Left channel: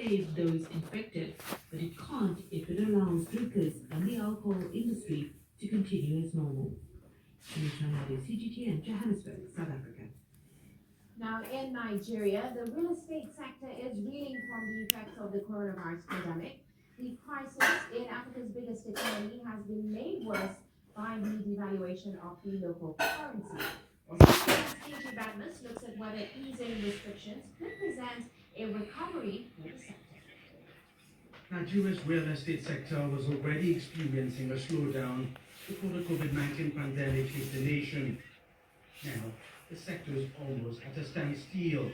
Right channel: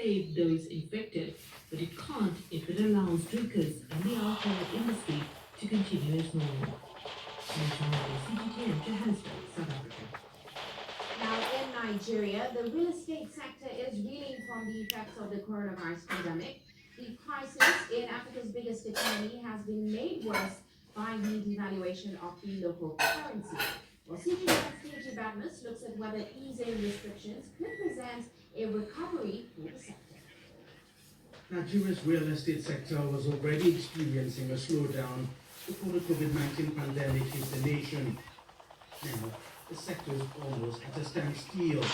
save those infected, but it can't if it allows drinkers and the alcohol industry to continue as normal. Nationwide CGTN, Johannesburg, South Africa. Now, in Nigeria, the real estate sector is reeling from the effects of the coronavirus pandemic. The crisis in Africa's biggest economy has been made worse by the devaluation of the local currency. Well, CGN's KG Badness looks at whether easing restrictions could present a recovery for the sector. Nigeria's real estate sector was already experiencing a slowdown before the COVID-19 pandemic hit the nation. Now, the sector is almost at a standstill.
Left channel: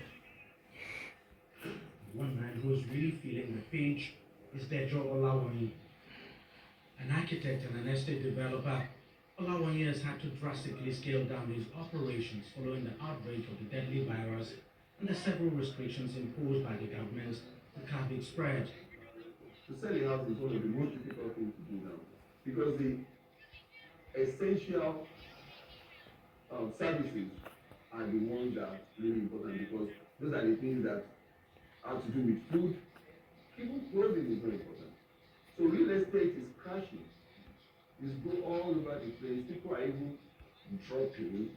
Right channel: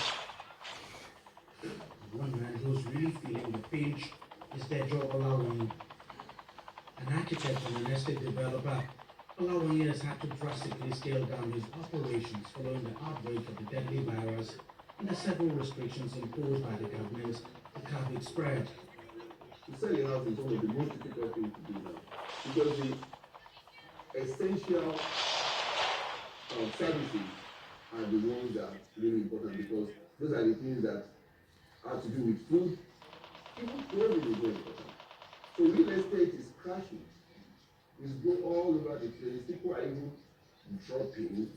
One man who's really feeling the pinch is Dejo Olawoni, an architect and an estate developer. Olawoni has had to drastically scale down his operations following the outbreak of the deadly virus and the several restrictions imposed by the government to curb its spread. To sell a house is one of the most difficult things to do now because the essential services are the ones that are really important because those are the things that have to do with food. Even clothing is very important. So real estate is crashing. It's go all over the place. People are even dropping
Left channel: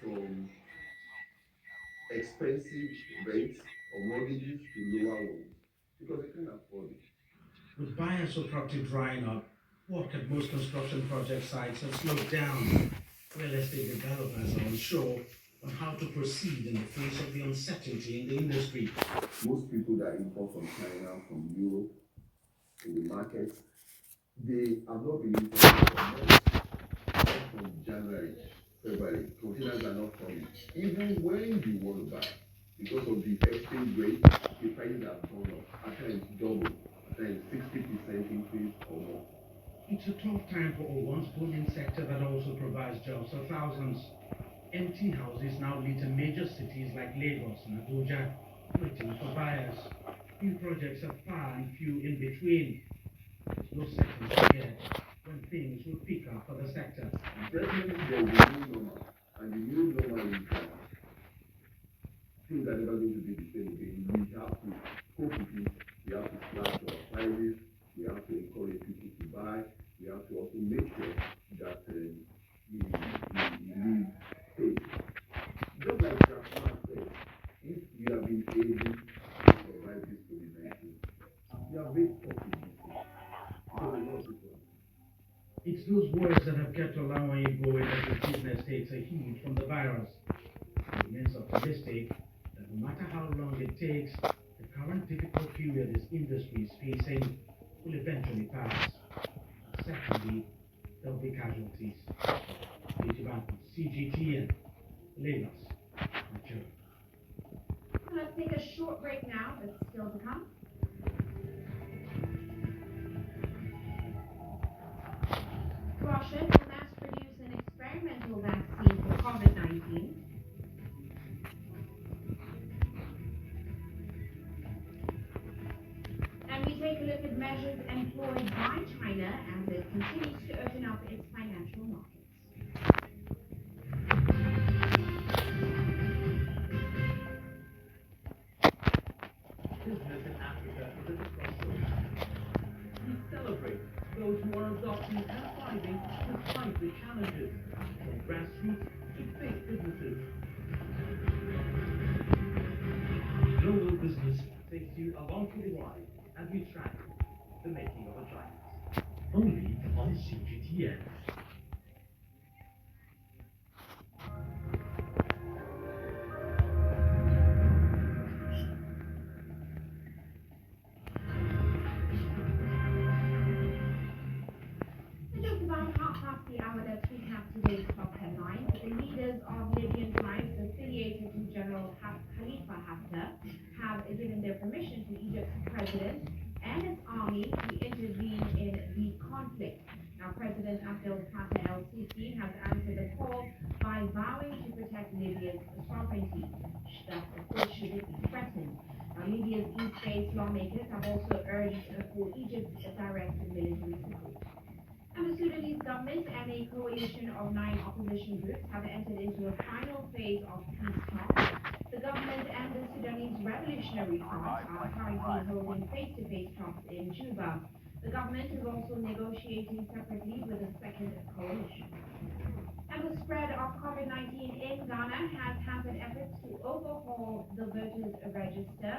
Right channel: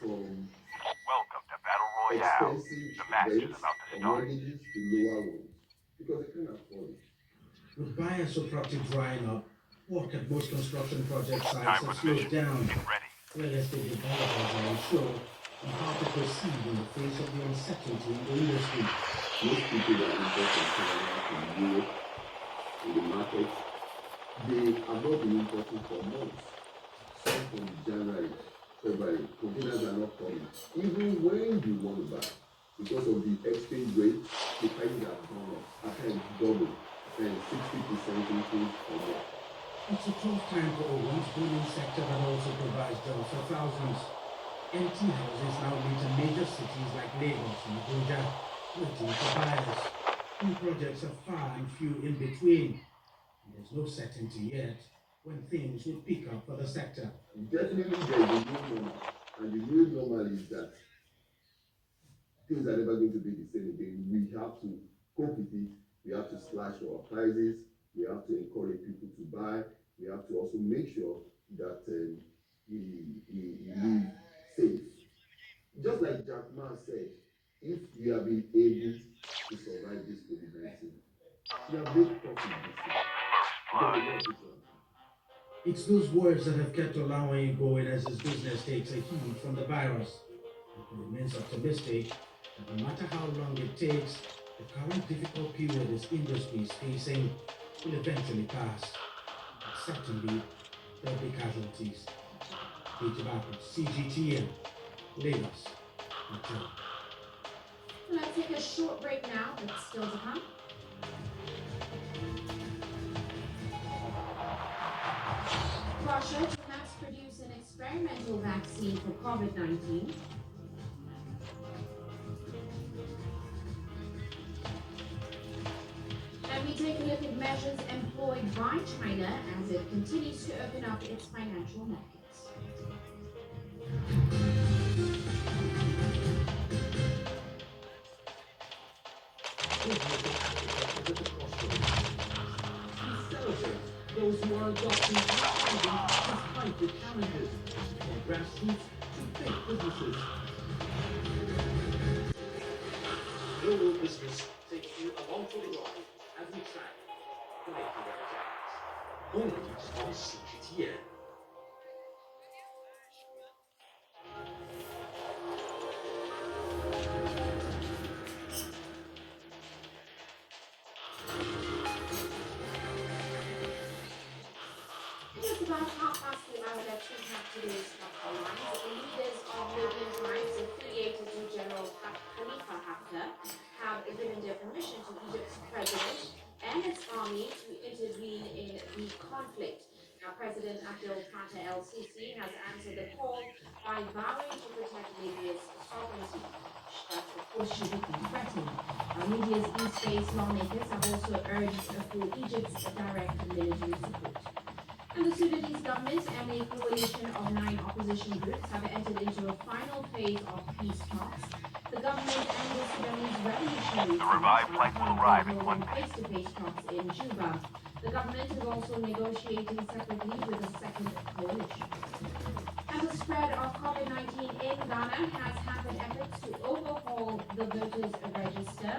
from expensive rates or mortgages to lower ones because they can't afford it. With buyer supply drying up, work at most construction project sites have slowed down. Real estate developers are unsure on how to proceed in the face of the uncertainty in the industry. Most people that invest in Canada, from Europe, in the market, they have not been importing for months. From January, February, containers are not coming. Even when you want to buy, because of the exchange rate, the prices have gone up. At times double, and 60% increase or more. It's a tough time for a once booming sector that also provides jobs for thousands. Empty houses now lead to major cities like Lagos and Abuja, waiting for buyers. New projects are far and few in between. There's no certainty yet when things will pick up for the sector. Definitely there is a new normal, and the new normal is that things are never going to be the same again. We have to cope with it. We have to slash our prices. We have to encourage people to buy. We have to also make sure that we live safe. Just like Jack Ma said, if we have been able to survive this COVID-19, we have made profit this year. It's those words that have kept allowing going as his business takes a heat from the virus. He remains optimistic that no matter how long it takes, the current difficult period this industry is facing will eventually pass. Secondly, there'll be casualties. CGTN, Lagos, Nigeria. Let's take a short break now, but still to come. Russia to mass produce an experimental vaccine for COVID-19. And we take a look at measures employed by China as it continues to open up its financial markets. We celebrate those who are adopting outstanding despite the challenges, from grassroots to big businesses. Global business takes you along for the ride as we track the making of giants. Only on CGTN. Just about half past the hour, let's recap today's top headlines. The leaders of European tribes affiliated to General Khalifa Haftar have given their permission to Egypt's president and its army to intervene in the conflict. Now, President Abdel Fattah el-Sisi has answered the call by vowing to protect Libya's sovereignty. That, of course, shouldn't be threatened. Libya's East-based lawmakers have also urged for Egypt's direct military support. And the Sudanese government and a coalition of 9 opposition groups have entered into a final phase of peace talks. The government and the Sudanese Revolutionary Front are currently holding face-to-face talks in Juba. The government is also negotiating separately with a second coalition. And the spread of COVID-19 in Ghana has hampered efforts to overhaul the voters' register.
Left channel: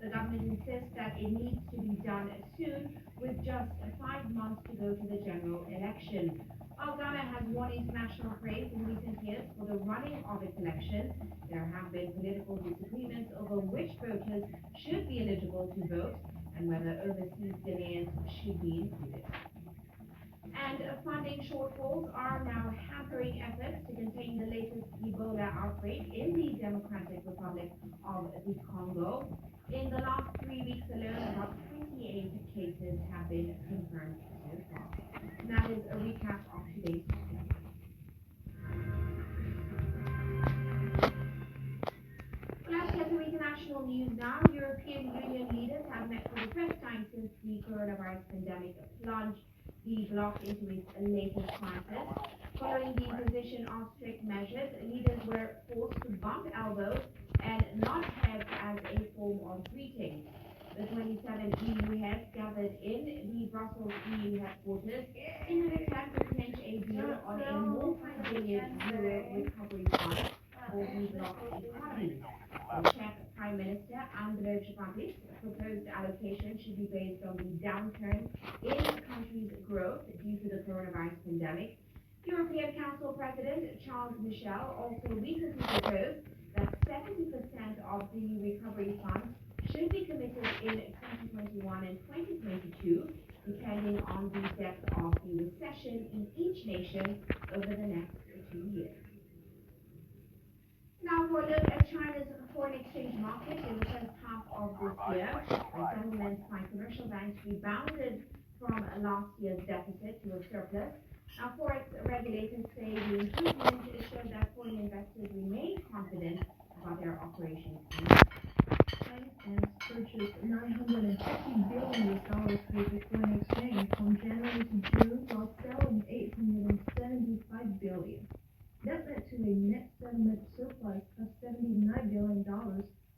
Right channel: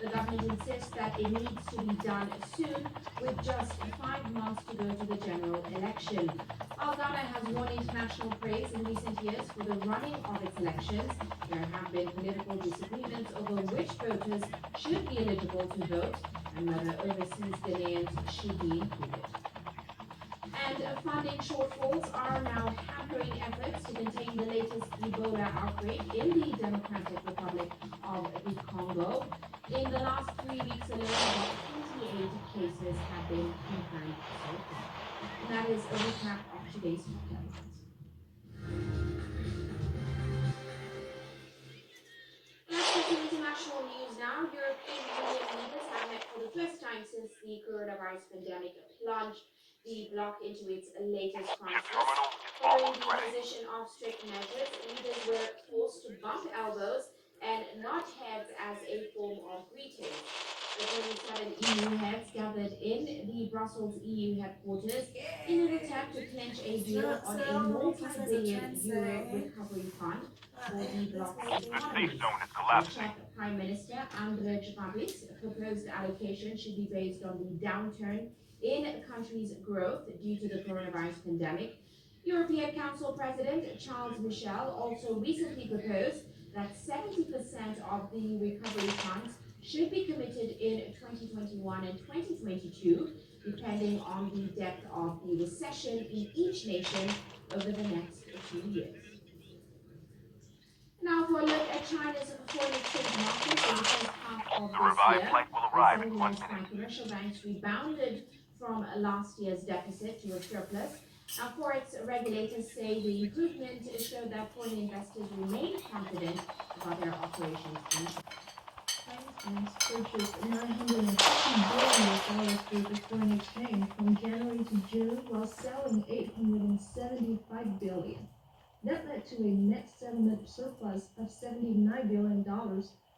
The government insists that it needs to be done soon, with just 5 months to go to the general election. While Ghana has won international praise in recent years for the running of its elections, there have been political disagreements over which voters should be eligible to vote and whether overseas Ghanaians should be included. And funding shortfalls are now hampering efforts to contain the latest Ebola outbreak in the Democratic Republic of the Congo. In the last 3 weeks alone, about 28 cases have been confirmed so far. And that is a recap of today's headlines. Let's get to international news now. European Union leaders have met for the first time since the coronavirus pandemic plunged the bloc into its latest crisis. Following the imposition of strict measures, leaders were forced to bump elbows and nod heads as a form of greeting. The 27 EU heads gathered in the Brussels EU headquarters in an attempt to clinch a deal on a multi-billion euro recovery fund for the bloc's economy. The Czech Prime Minister Andrej Babiš proposed allocation should be based on the downturn in countries' growth due to the coronavirus pandemic. European Council President Charles Michel also recently proposed that 70% of the recovery funds should be committed in 2021 and 2022, depending on the depth of the recession in each nation over the next 2 years. Now for a look at China's foreign exchange market in the first half of this year. The seven largest commercial banks rebounded from last year's deficit to a surplus. Now, Forex regulators say the improvement showed that foreign investors remain confident about their operations in Chinese banks purchased $950 billion worth of foreign exchange from January to June, while selling $875 billion. That led to a net settlement surplus of $79 billion,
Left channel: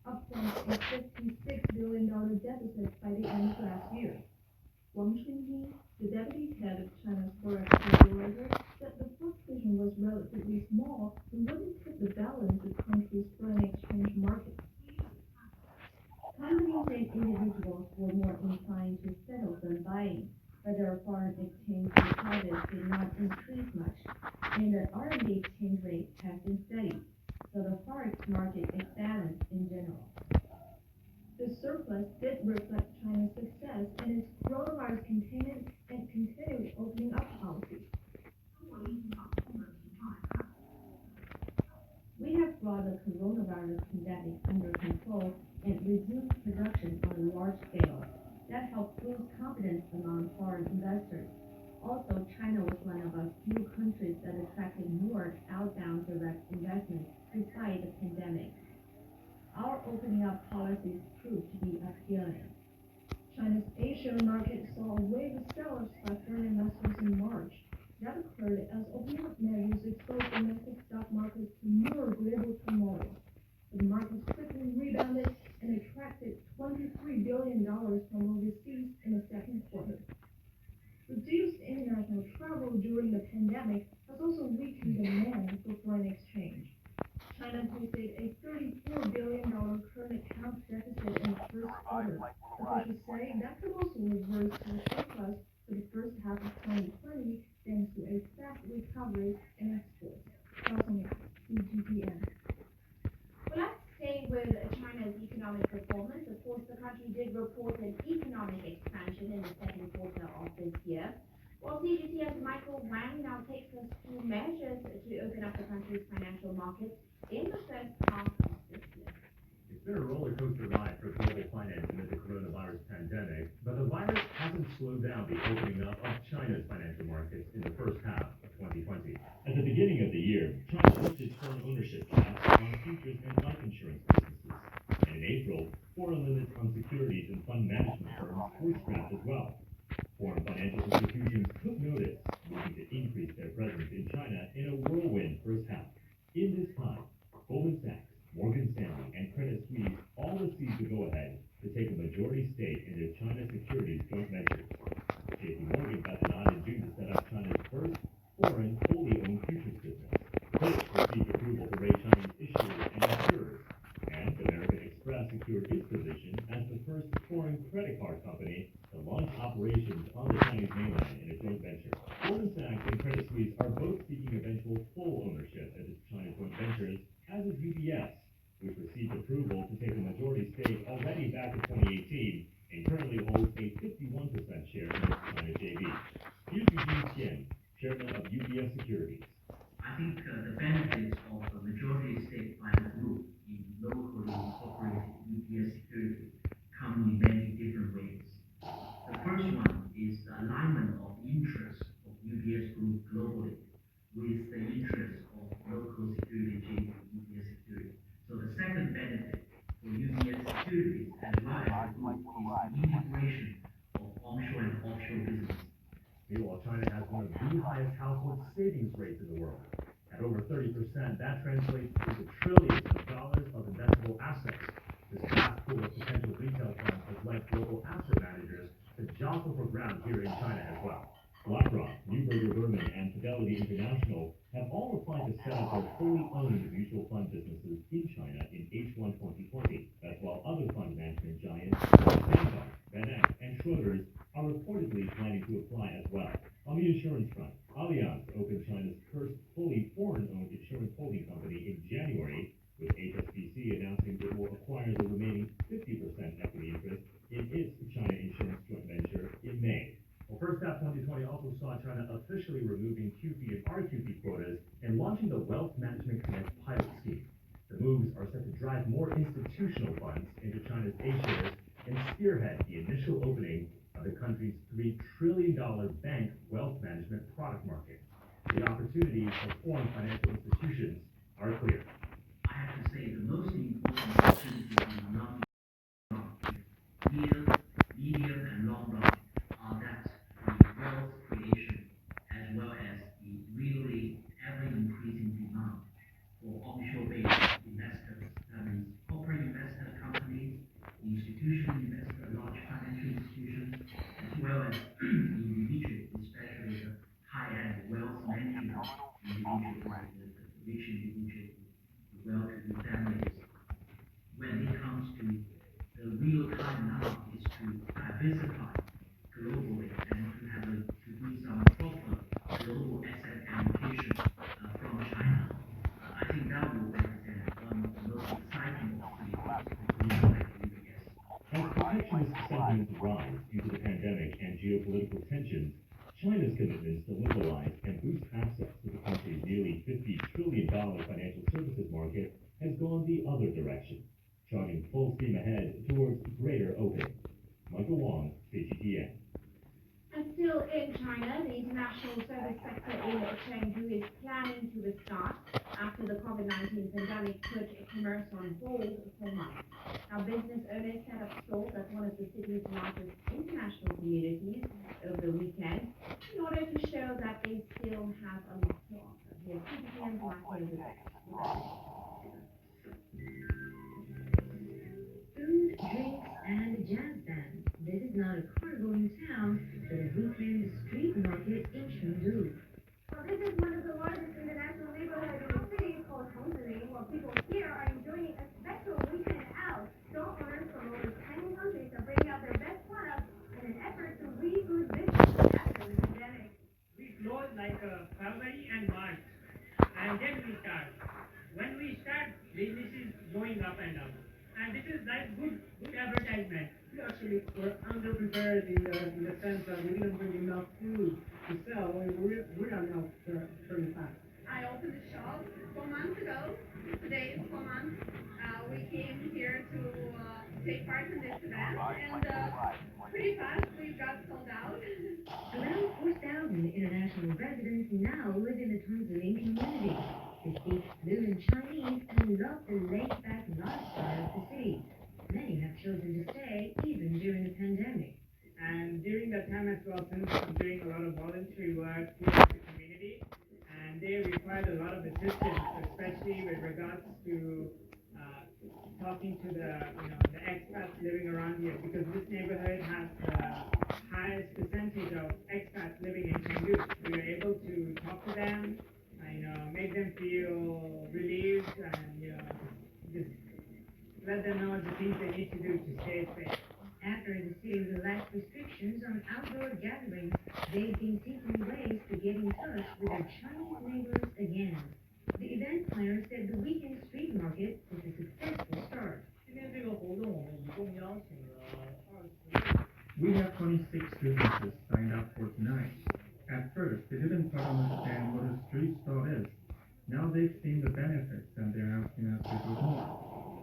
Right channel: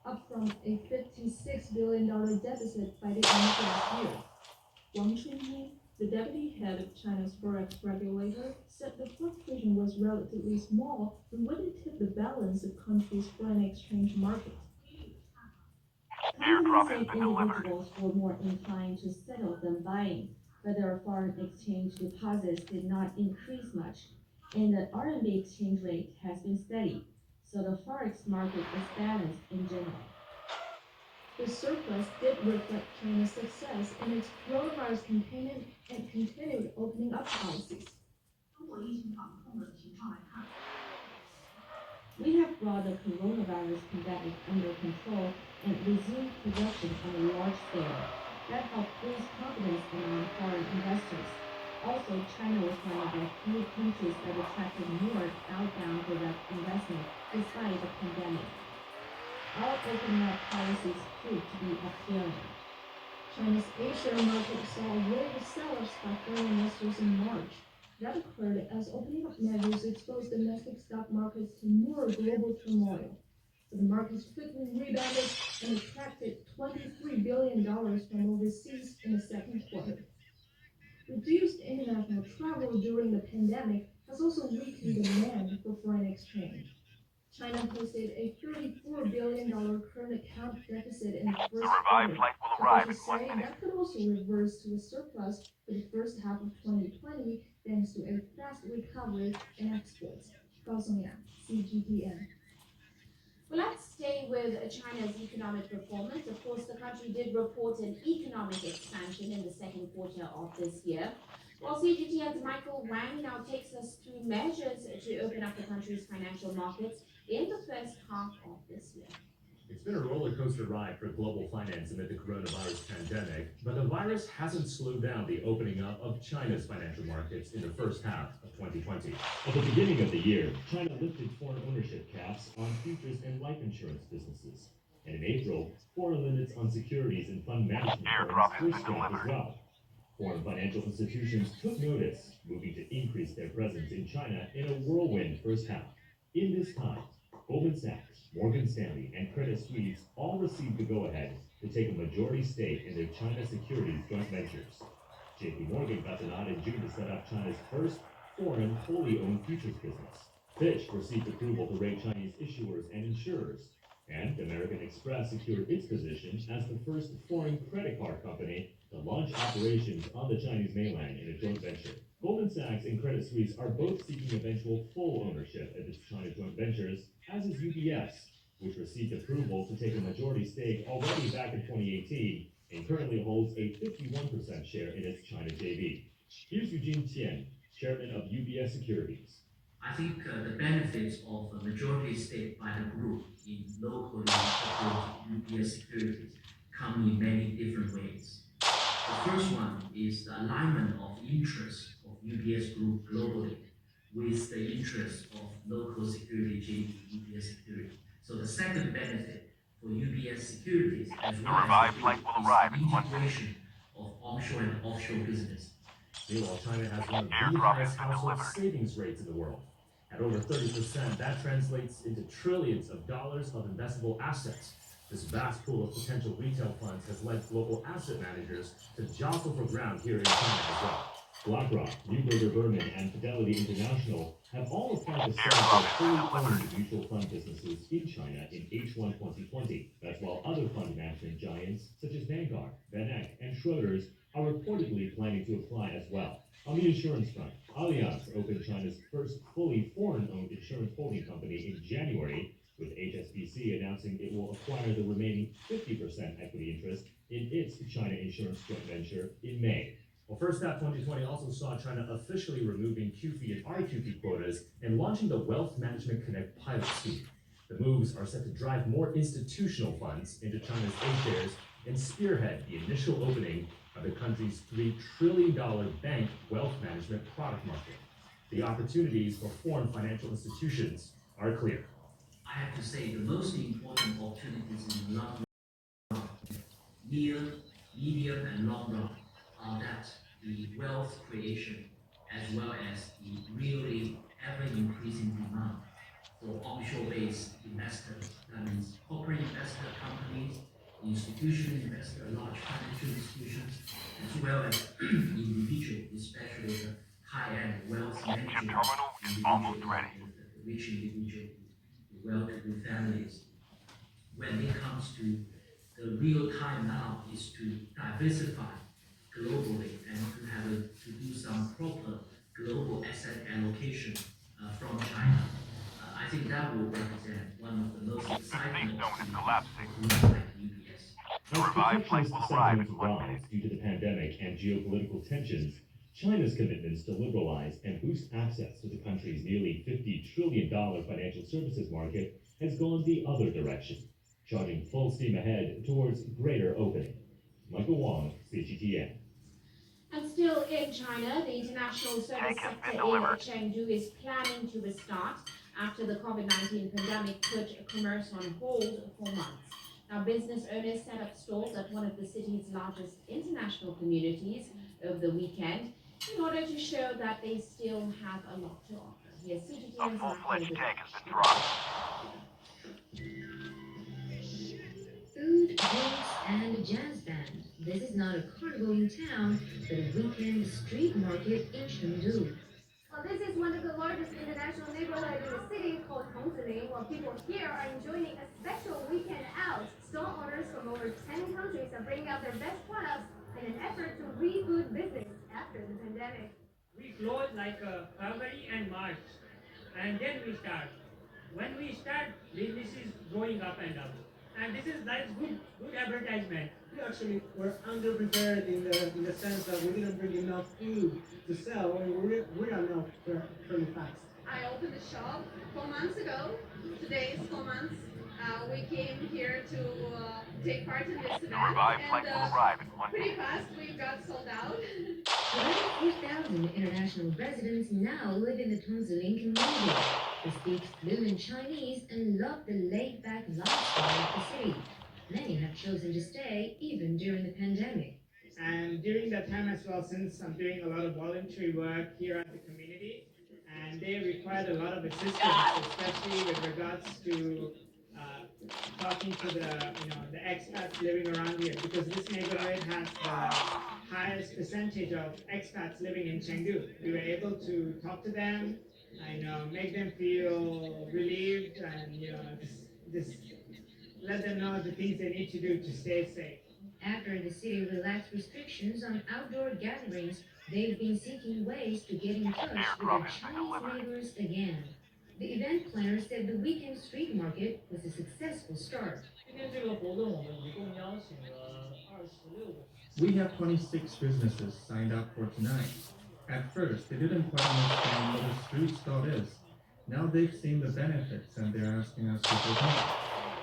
up from a $56 billion deficit by the end of last year. Wang Chunjing, the deputy head of China's forex regulator, said the fluctuation was relatively small and wouldn't tip the balance of the country's foreign exchange market. Companies and individuals were more inclined to settle than buying, but their foreign exchange deposits did not increase much, and the RMB exchange rate has been steady, so the forex market is balanced in general. The surplus did reflect China's success in its coronavirus containment and continued opening up policies. We have brought the coronavirus pandemic under control and resumed production on a large scale. That helped boost confidence among foreign investors. Also, China was one of the few countries that attracted more outbound direct investment despite the pandemic. Our opening up policies proved to be appealing. China's A-share market saw a wave of sellers by foreign investors in March. That occurred as opening up measures exposed domestic stock markets to more global turmoil. The markets quickly rebounded and attracted $23 billion from overseas in the second quarter. Reduced international travel during the pandemic has also weakened demand for foreign exchange. China posted a $34 billion current account deficit in the first quarter. Officials say that could also reverse to a surplus for the first half of 2020 thanks to a fast recovery in exports. CGTN. Well, let's stay with China's economic performance. Of course, the country did report an economic expansion in the second quarter of this year. While CGTN's Michael Wang now takes us through measures to open up the country's financial markets in the first half of this year. It's been a roller coaster ride for global finance amid the coronavirus pandemic, but the virus hasn't slowed down the opening up of China's financial markets in the first half of 2020. At the beginning of the year, China lifted foreign ownership caps on futures and life insurance businesses. And in April, foreign limits on securities and fund management firms were scrapped as well. Foreign financial institutions took notice, moving to increase their presence in China in a whirlwind first half. In this time, Goldman Sachs, Morgan Stanley and Credit Suisse all received the go-ahead to take a majority stake in their China securities joint ventures. JP Morgan got the nod in June to set up China's first foreign fully owned futures business. Fitch received approval to rate Chinese issuers and insurers, and American Express secured its position as the first foreign credit card company to launch operations on the Chinese mainland in a joint venture. Goldman Sachs and Credit Suisse are both seeking eventual full ownership of its China joint ventures, as is UBS, which received approval to take a majority stake already back in 2018 and currently holds a 51% share in its China JV. Here's Eugene Tian, chairman of UBS Securities. I think the benefits of a majority stake by the group in locally operated UBS Securities come in many different ways. The first one is the alignment of interests of UBS Group globally with the interests of local security JV UBS Securities. So the second benefit for UBS Securities as well as the group is the integration of onshore and offshore business. Meanwhile, China has one of the highest household savings rates in the world. At over 30%, that translates into trillions of dollars of investable assets. This vast pool of potential retail funds has led global asset managers to jostle for ground here in China as well. BlackRock, Neuberger Berman, and Fidelity International have all applied to sell their fully owned mutual fund businesses in China in H1 2020. That's while other fund management giants like Vanguard, VanEck, and Schroders are reportedly planning to apply as well. On the insurance front, Allianz opened China's first fully foreign-owned insurance holding company in January, with HSBC announcing it will acquire the remaining 50% equity interest in its China insurance joint venture in May. Well, first half 2020 also saw China officially removing QFII and RQFII quotas and launching the Wealth Management Connect pilot scheme. The moves are set to drive more institutional funds into China's A shares and spearhead the initial opening of the country's $3 trillion bank wealth management product market. The opportunities for foreign financial institutions are clear. I have to say the most important opportunities in the long run, near, medium, and long run are that the wealth creation as well as the really ever-increasing demand for onshore-based investors. That means corporate investor companies, institutional investor, large financial institutions, as well as individual, especially the high-end wealth management individual, the rich individual, the well-to-do families. When it comes to the real time now is to diversify globally and to do some proper global asset allocation from China. I think that will represent one of the most exciting opportunities like UBS. As protectionist sentiments rise due to the pandemic and geopolitical tensions, China's commitments to liberalize and boost access to the country's nearly $50 trillion financial services market has gone the other direction, charging full steam ahead towards greater opening. Michael Wong, CGTN. And still in China, the international service sector in Chengdu is planning to restart after the COVID-19 pandemic put commerce on hold for months. Now, business owners set up stores at one of the city's largest international communities over the weekend in order to show that they still have a lot to offer. Here's CGTN's Michael Wong. Food, drinks, and a jazz band. This is not a car-going town, but a weekend street market in Chengdu. Well, this is one of the largest international neighborhoods in the city called Tongziling, where people here are enjoying a special weekend out. Store owners from over 10 countries are bringing out their best products in an effort to reboot business after the pandemic. We close like February and March, and then we start. When we start, business is going up and up. And that's good advertisement. We actually were underprepared in the sense that we didn't bring enough food to sell. I mean, we are now very fast. I opened the shop 4 months ago. Today is 4 months. We came here to take part in this event, and pretty fast we got sold out. Around 4,000 international residents now live in the Tongziling community. They speak fluent Chinese and love the laid-back lifestyle of the city. Many have chosen to stay even during the pandemic. And during that time as well, since I'm doing a lot of voluntary work here in the community, and they required a lot of assistance, especially with regards to talking to the expats living around here, because this neighborhood has the highest percentage of expats living in Chengdu. We were able to talk to them and make them feel relieved and just let them know the things they need to do to stay safe. After the city relaxed restrictions on outdoor gatherings, they've been seeking ways to get in touch with their Chinese neighbors again. The event planner said the weekend street market was a successful start. 今天这个活动我们一共邀请了26。We have 26 businesses signed up for tonight. At first, they didn't quite understand what a street stall is. Now they've seen the benefits and they're asking us to participate.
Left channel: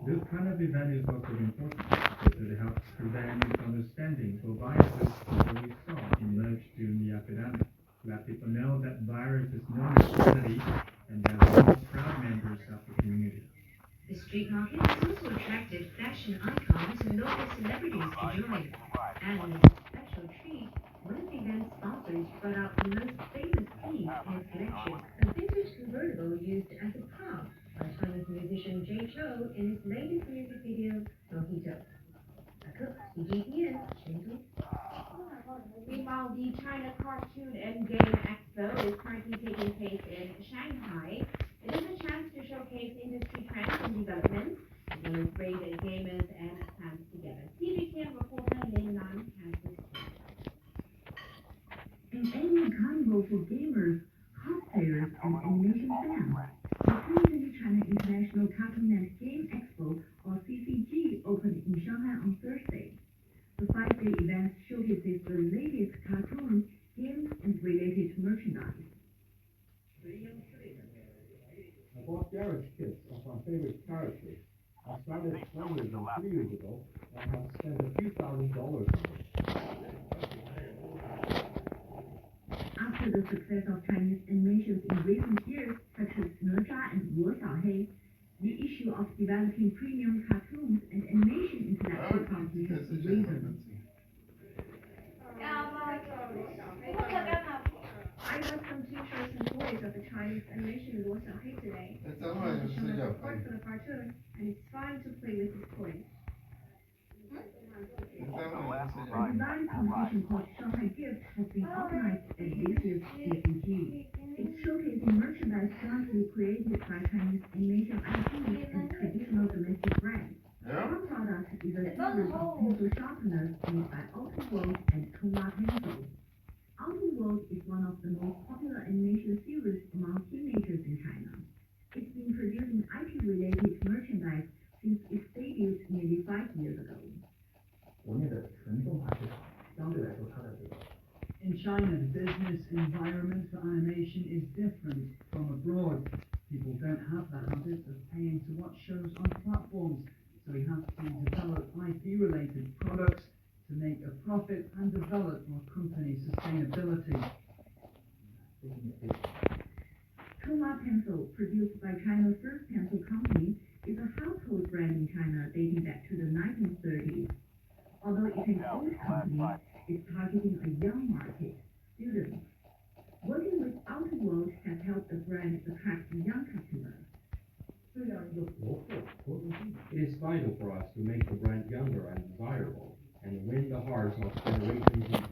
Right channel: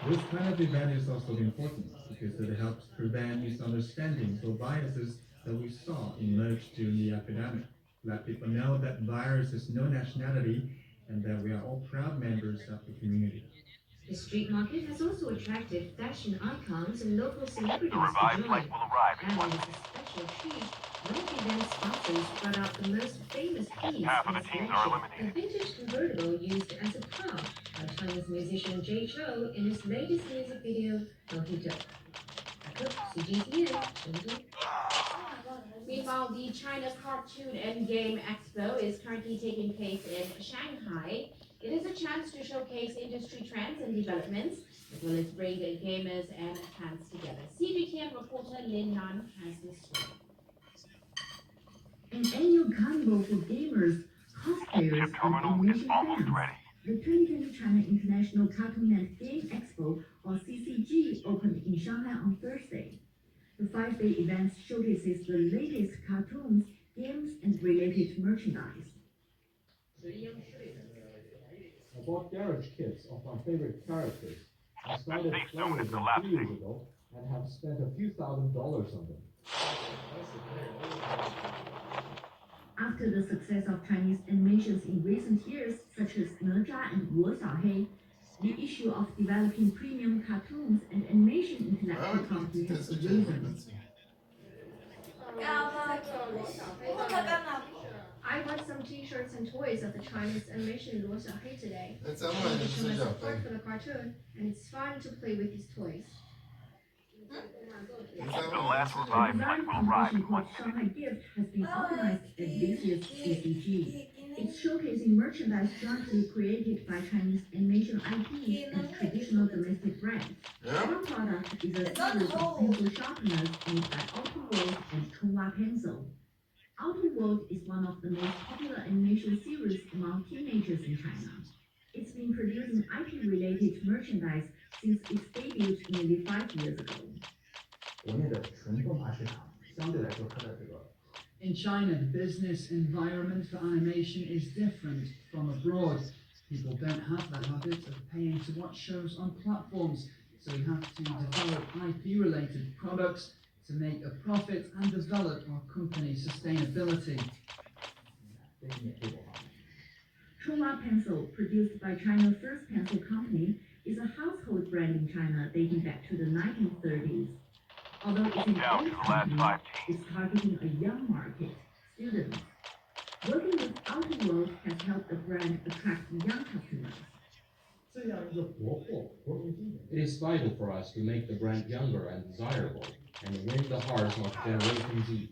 This kind of event is also important because it helps prevent misunderstandings or biases that we saw emerge during the epidemic. Let people know that virus is no nationality and that we're all proud members of the community. The street market has also attracted fashion icons and local celebrities to join. And as a special treat, one of the event sponsors brought out the most famous piece in its collection, a vintage convertible used as a prop by Chinese musician Jay Chou in his latest music video, Mojito. CGTN, Chengdu. Meanwhile, the China Cartoon and Game Expo is currently taking place in Shanghai. It is a chance to showcase industry trends and developments, as well as bring gamers and fans together. CGTN reporter Lin Nan has this story. An annual carnival for gamers, cosplayers, and animation fans. The 2020 China International Cartoon and Game Expo, or CCG, opened in Shanghai on Thursday. The 5-day event showcases the latest cartoons, games, and related merchandise. I bought garage kits of my favorite characters. I started playing them 3 years ago and have spent a few $1,000s on them. After the success of Chinese animations in recent years, such as哪吒and Wo Xiaohei, the issue of developing premium cartoons and animation intellectual property has arisen. I got some t-shirts and toys of the Chinese animation Luo Xiaohei today. I want to show my support for the cartoon, and it's fun to play with these toys. The design competition called Shanghai Gift has been organized at this year's CCG. It's showcasing merchandise jointly created by Chinese animation IPs and traditional domestic brands. One product is a series of pencil sharpeners made by Auto World and Chunghua Pencil. Auto World is one of the most popular animation series among teenagers in China. It's been producing IP-related merchandise since its debut nearly 5 years ago. In China, the business environment for animation is different from abroad. People don't have the habit of paying to watch shows on platforms, so we have to develop IP-related products to make a profit and develop our company's sustainability. Chunghua Pencil, produced by China's first pencil company, is a household brand in China dating back to the 1930s. Although it's an old company, it's targeting a young market, students. Working with Auto World has helped the brand attract young customers. It is vital for us to make the brand younger and desirable, and win the hearts of Generation Z.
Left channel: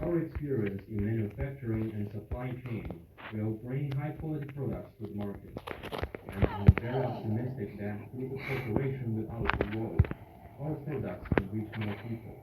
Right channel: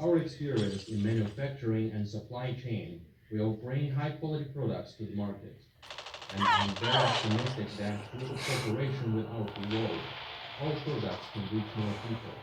Our experience in manufacturing and supply chain will bring high-quality products to the market, and I'm very optimistic that through the cooperation with Auto World, all products can reach more people.